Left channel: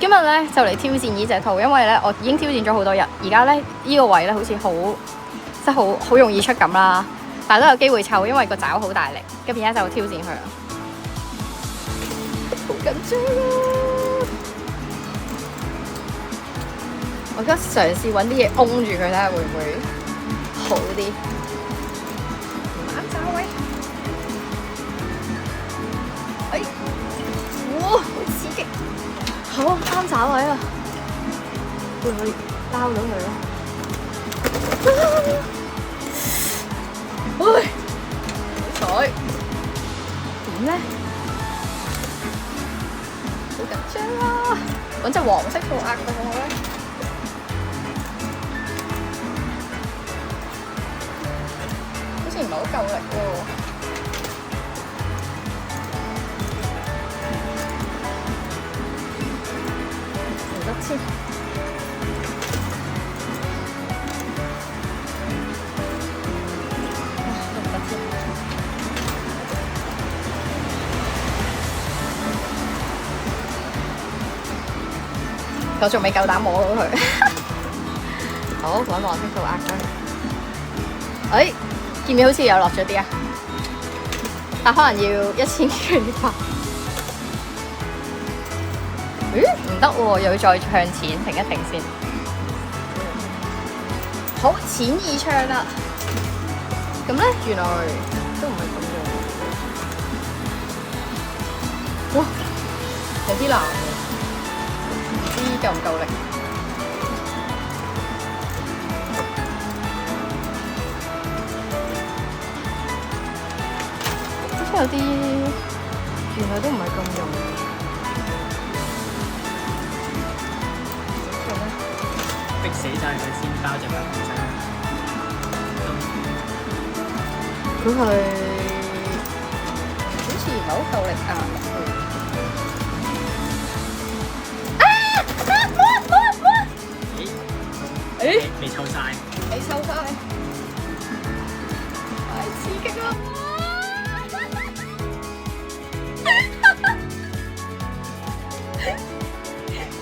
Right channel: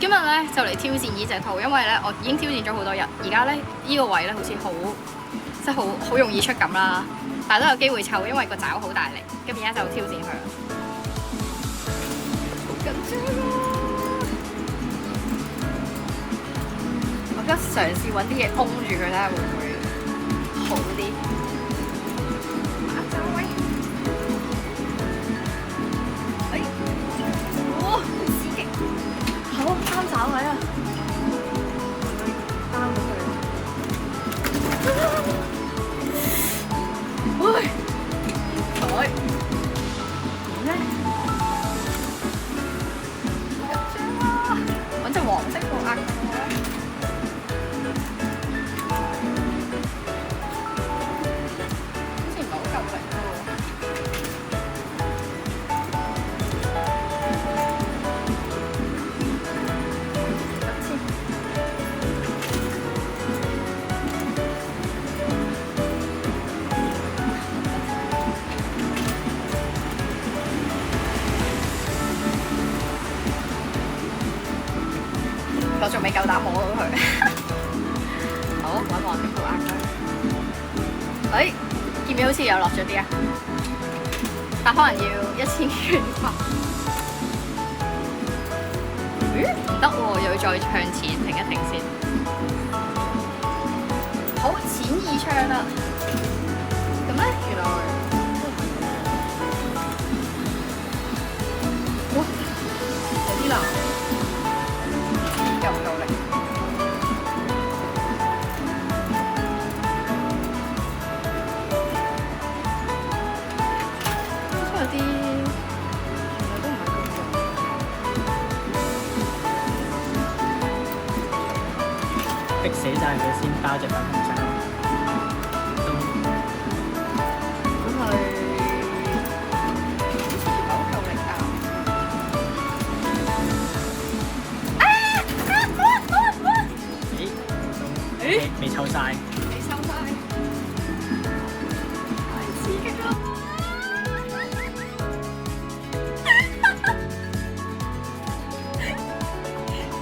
今日咧就嚟挑戰呢隻兔，因為咧我已經挑戰咗好多日，而家咧呢個位咧好似即係好容易出咁啦，但係都有機會湊，因為個爪好大力。咁而家就挑戰佢啦。好緊張！我而家嘗試揾啲嘢封住佢，睇下會唔會好啲。好刺激！好啱爪位啦，會唔會包到佢咧？喂，彩點咧？好緊張啊！揾隻黃色兔壓過我啦！好似唔係好夠力喎。我仲未夠膽摸到佢。好，揾黃色兔壓佢。哎，見唔見好似又落咗啲啊？但可能要1000轉吧。咦？唔得喎，又要再向前停一停先。好，淺意唱啦。咁咧，原來都唔會咁樣。哇，有啲難。夠唔夠力？真係有啲原來都唔係咁容易。逼死晒佢先包隻粉紅色咯。佢係好似有夠力㗎。未湊晒，未湊晒，太刺激啦！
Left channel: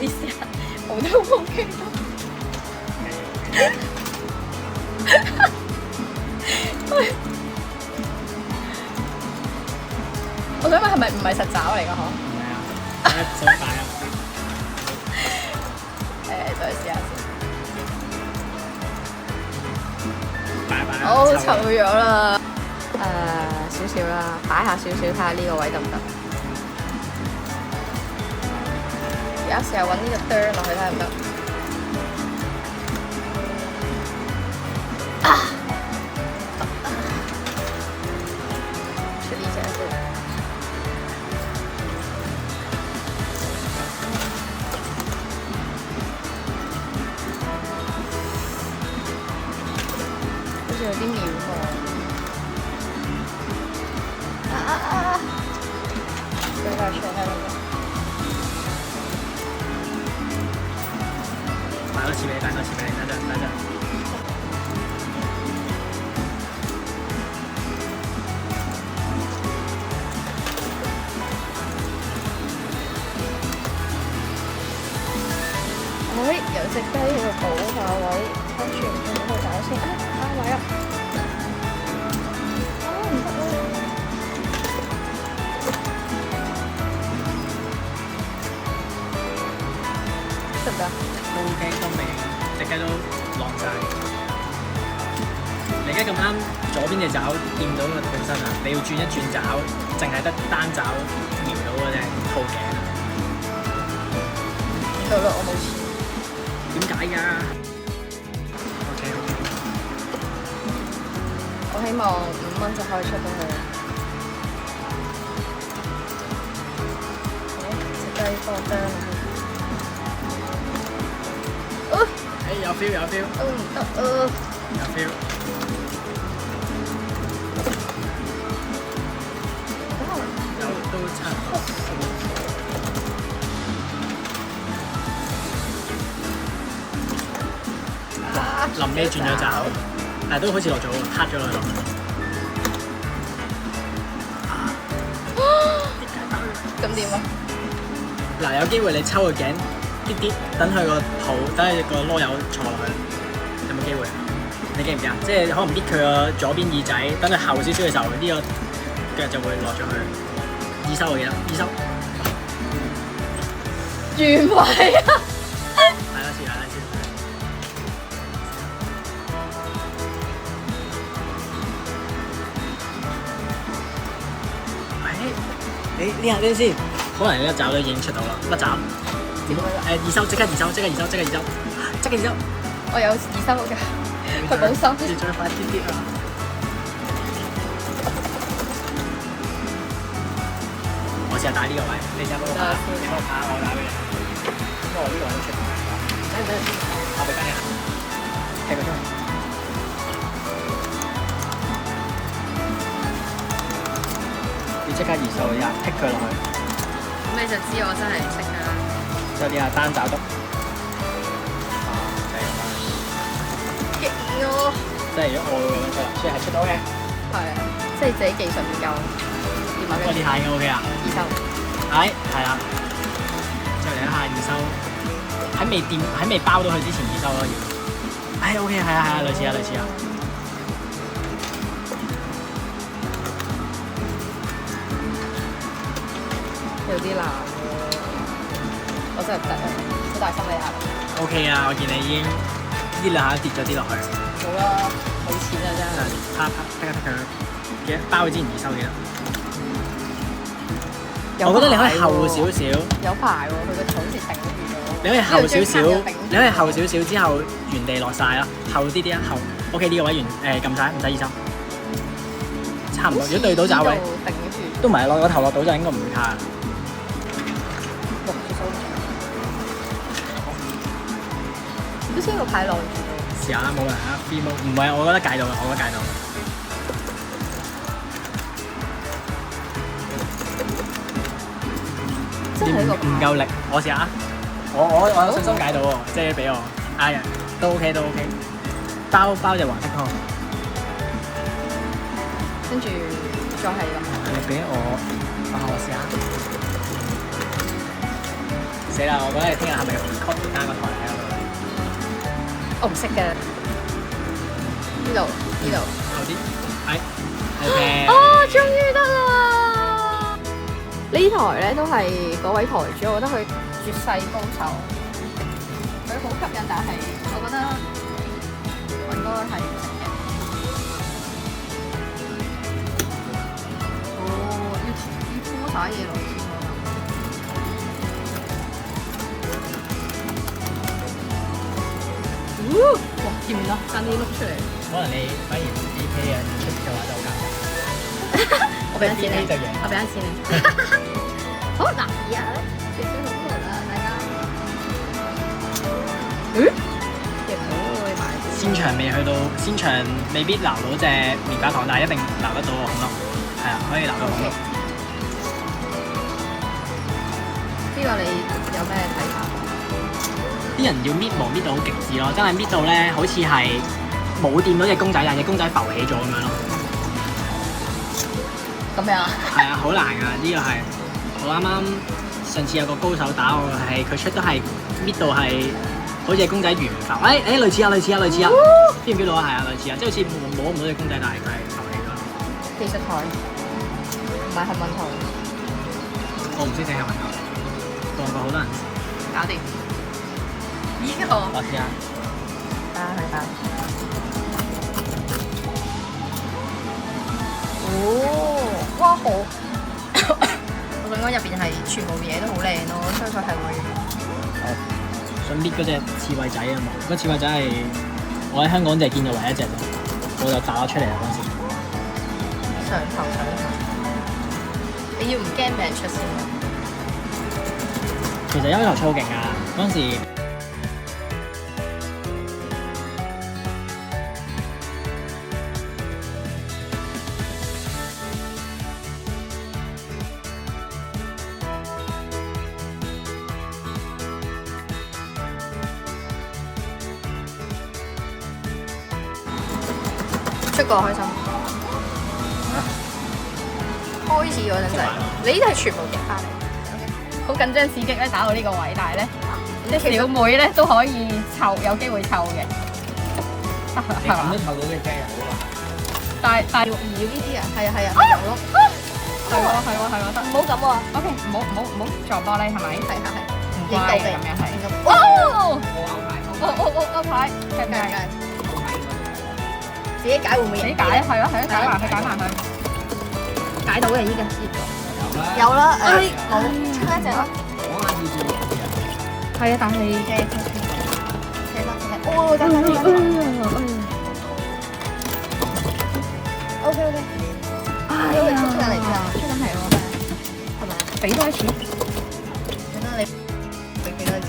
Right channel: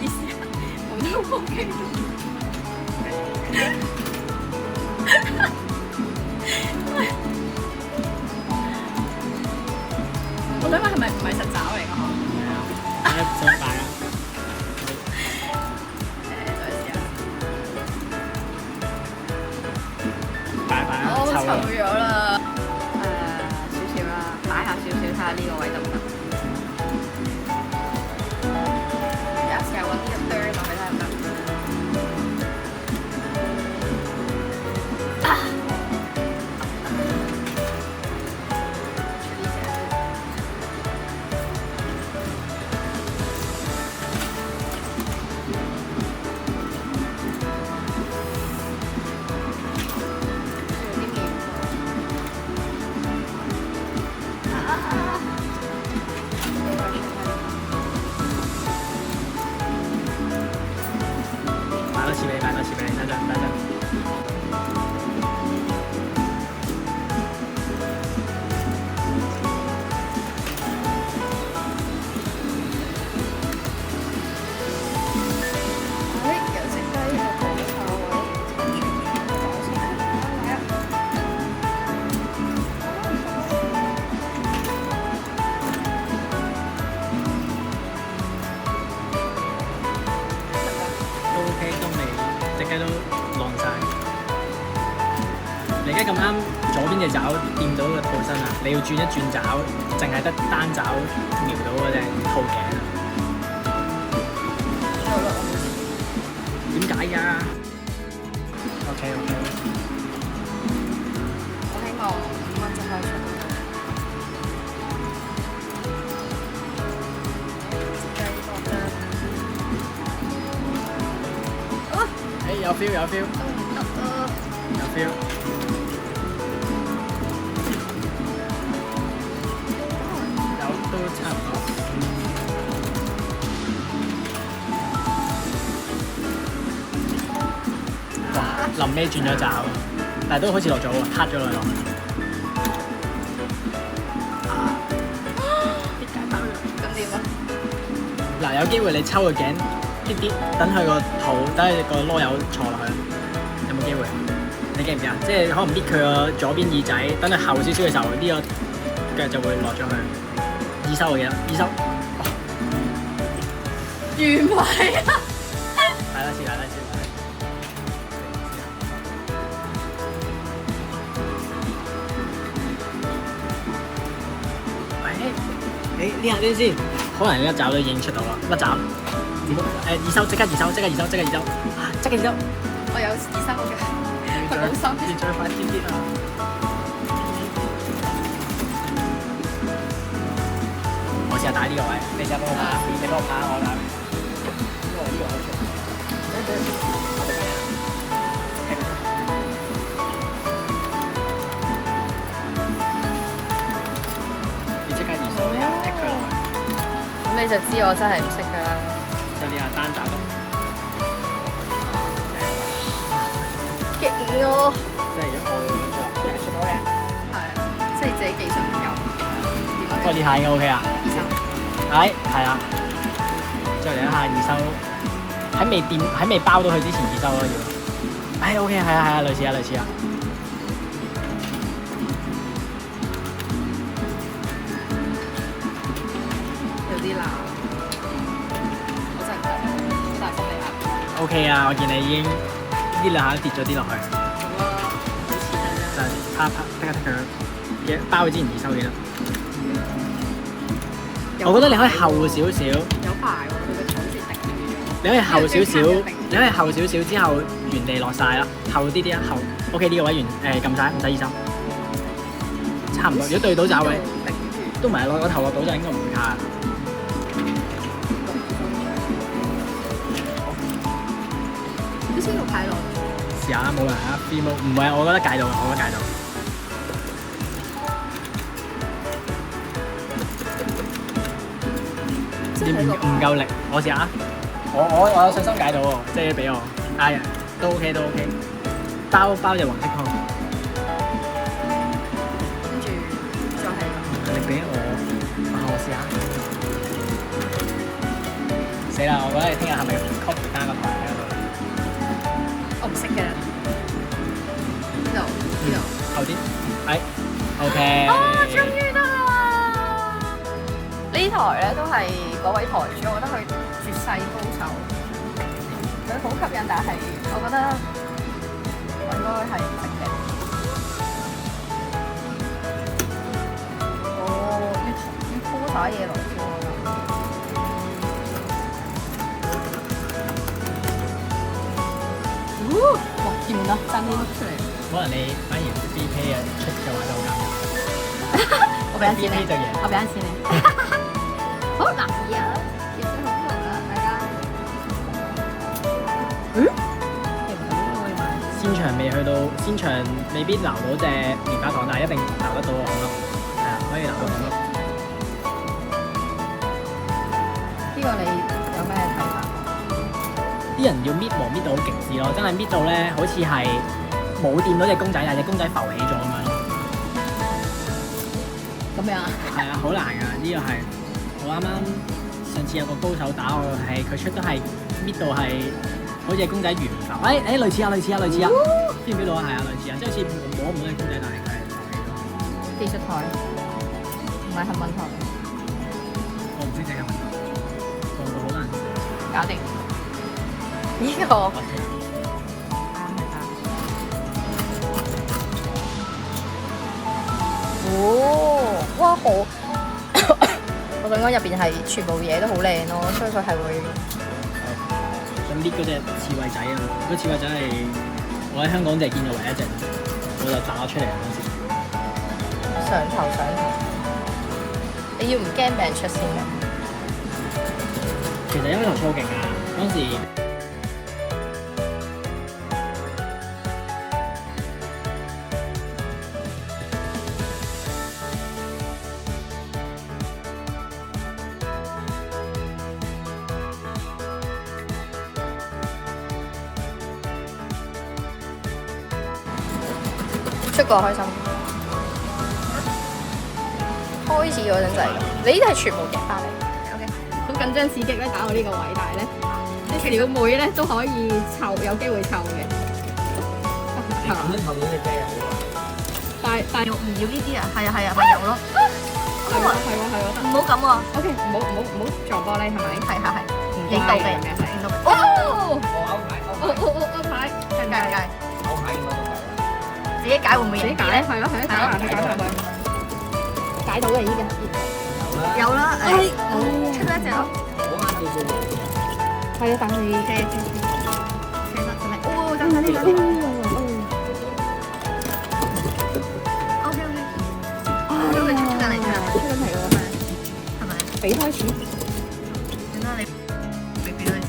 意思啊，我都 OK。我想問係咪唔係實爪嚟㗎？嗬？唔係啊，使乜擺啊？我湊咗啦，少少啦，擺下少少睇下呢個位得唔得？而家試下揾呢個哚落去睇下得唔得？啊！處理成先。擺多次俾你，等陣。喂，有隻雞喺度補下位，跟住搞先，嚟啊！都 OK， 都未，隻雞都晾晒。你而家咁啱左邊隻爪掂到個兔身啊，你要轉一轉爪，淨係得單爪瞄到嗰隻兔頸啊。錯咯，我冇事。點解㗎 ？OK。我希望5分鐘可以出到去。有 feel。有 feel。都差唔多。哇！臨尾轉咗爪，但係都好似落咗喎，撻咗落去。點解包咗？咁點啊？嗱，有機會你抽個頸啲啲，等佢個肚，等佢個籮柚坐落去，有冇機會啊？你記唔記啊？即係可能搣佢個左邊耳仔，等佢後少少嘅時候，呢個腳就會落咗去耳收，我記得耳收。原位啊！係啦，試下啦，試下。呢下啲先，可能一爪都已經出到啦，甩爪。耳收，即刻耳收，即刻耳收，即刻耳收，即刻耳收。我有耳收嘅，佢冇收。要再快啲啲啊！我試下打呢個位，你試下幫我打，你幫我打，我打俾你。因為我呢個安全。我俾你。係咁。你即刻耳收，剔佢落去。咁你就知我真係唔識㗎啦。嗰啲啊單爪篤。激咗。即係我即係出到嘅。係，即係自己技術唔夠。不過呢下應該 OK 啊。耳收。係啦。再嚟一下耳收，喺未包到佢之前耳收咯要。OK 係啊，類似啊。對啲啦，我真係唔得，好大心理壓力。OK 啊，我見你已經呢兩下跌咗啲落去。好啦，好似啦真係。就啪剔佢嘅包佢之前耳收幾多？我覺得你可以後少少。有排喎，佢個肚先定。你可以後少少，你可以後少少之後原地落晒啦，後啲啲啊後。OK 呢個位撳晒，唔使耳收。差唔多，如果對到爪位，都唔係落個頭落到就應該唔會卡。啲聲要太濃。試下啦，冇人啊 ，free mode 唔係，我覺得戒到，我覺得戒到。唔夠力，我試下。我有信心解到喎，即係俾我。都 OK 都 OK。包隻黃色湯。跟住再係。你俾我試下。死啦！我覺得你聽日係咪 copy 單個台喺嗰度咧？我唔識嘅。呢度。後啲。OK。終於得啦！呢台咧都係嗰位台主，我覺得佢絕世高手。佢好吸引，但係我覺得我應該係唔識嘅。要鋪打嘢落先我諗。哇！掂啦，翻啲碌出嚟。可能你反而啲 pay 出嘅話就好尷尬。我俾一錢你，就贏。我俾一錢你。好難啊！其實好難啊，大家。亦唔好會買。先場未去到，先場未必撈到隻棉花糖，但係一定撈得到個孔咯。係啊，可以撈到孔咯。呢個你有咩睇法？啲人要搣毛搣到好極致咯，真係搣到咧，好似係冇掂到隻公仔，但係隻公仔浮起咗咁樣咯。咁樣啊？係啊，好難㗎，呢個係我啱啱上次有個高手打我，係佢出都係搣到係好似公仔懸浮。類似啊，邊唔邊到啊？係啊，類似啊，即係好似摸唔到隻公仔，但係佢係浮起咗。技術台唔係問題。我唔識整係問題，個好多人搞掂。呢個。我試下。係。哦，哇好！我想講入邊係全部嘢都好靚咯，所以佢係會。想搣嗰隻刺猬仔啊！嗰刺猬仔係我喺香港就係見到唯一一隻，我就炸咗出嚟啊！嗰時上頭，你要唔驚俾人出先㗎？其實有一頭超勁啊！嗰時出過開心，開始嗰陣就係咁。你呢啲係全部夾翻嚟 ，OK，好緊張刺激咧，打到呢個位，但係咧，啲小妹咧都可以湊，有機會湊嘅，係嘛？湊到隻雞啊！但唔要呢啲啊？係啊係啊，咪有咯。係喎，得。唔好咁喎。 OK，唔好撞玻璃係咪？係。唔影到嘅乖咁樣係。影到。哦，歐牌，計唔計？自己解會唔會自己贏啲咧？解係咯，解埋佢。解到嘅已經。有啦，哎好出一隻咯。係啊，但係哦，真係OK，因為出緊嚟，係咪？俾多啲錢。等啦，你俾多啲錢。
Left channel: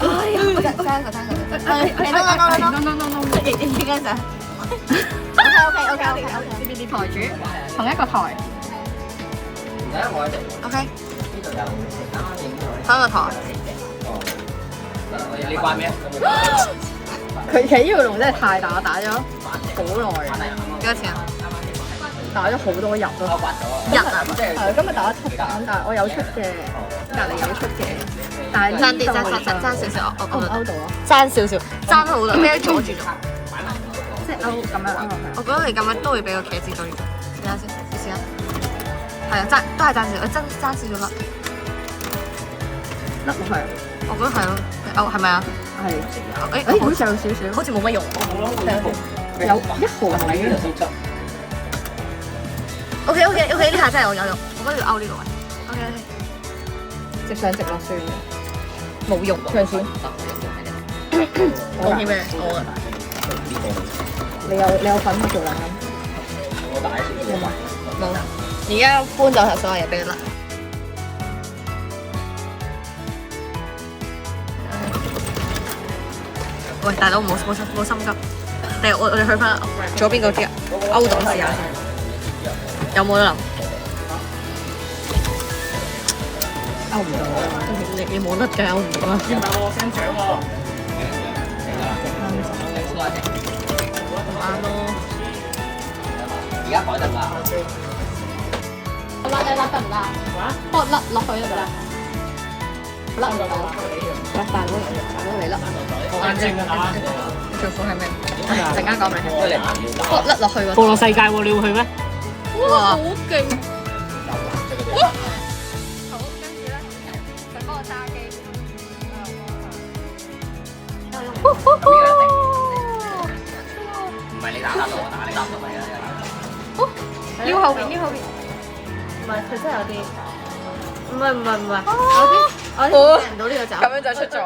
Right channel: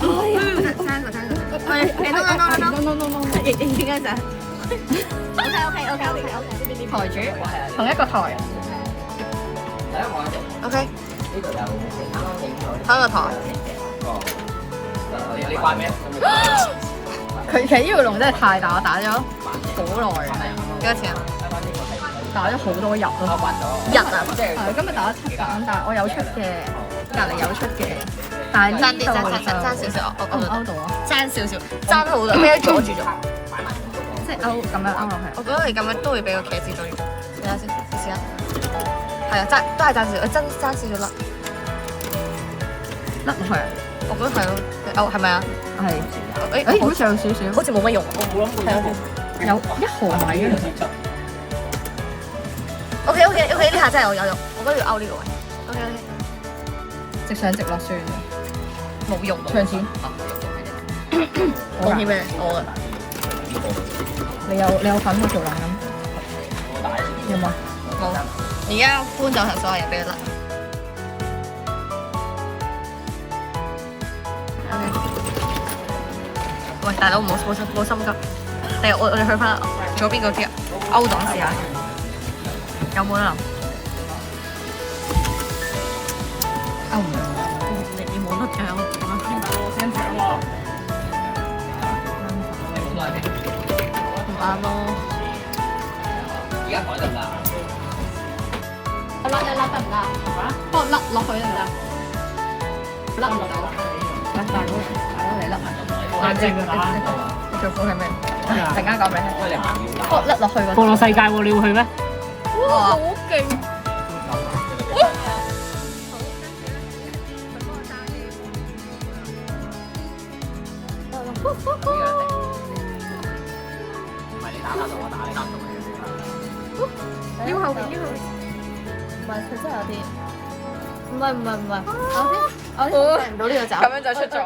哎呀，爭一個。應該就。OK。台主同一個台。 OK，翻個台。你關咩？佢其實呢條龍真係太大，我打咗好耐。幾多錢啊？打咗好多日咯。日啊？係今日打咗7打，但係我有出嘅，隔離有出嘅，但係爭啲，爭少少，我勾到，爭少少，爭好多，咩阻住咗？即係勾咁樣勾落去。我覺得你咁樣都會俾個茄子對咗。睇下先，你試下。係啊，都係爭少，爭少少粒。甩落去。我覺得係咯，哦係咪啊？係。誒，好似有少少。好似冇乜用。睇下先。有一毫米。OK，呢下真係我有用，我覺得要勾呢個位。OK，直上直落算。冇用。唱先。貢獻咩？我啊。你有份去做啊？有冇？冇。而家搬走晒所有嘢俾你啦。喂，大佬冇心急。我哋去翻左邊嗰啲勾檔試下先。有冇得諗？勾唔到。你冇得嘅，勾唔到啦。唔啱咯。而家改得啦。甩得唔得？甩落去得唔得？甩唔到。一大都嚟甩。眼睛你最苦係咩？陣間講咩？甩落去喎。過個世界喎，你要去咩？哇！好勁！好，跟住咧，佢幫我揸機。唔係你打到我打，你打唔到你啊！撩後邊。唔係，佢真係有啲。唔係。我啲唔到呢個掣。咁樣就出咗。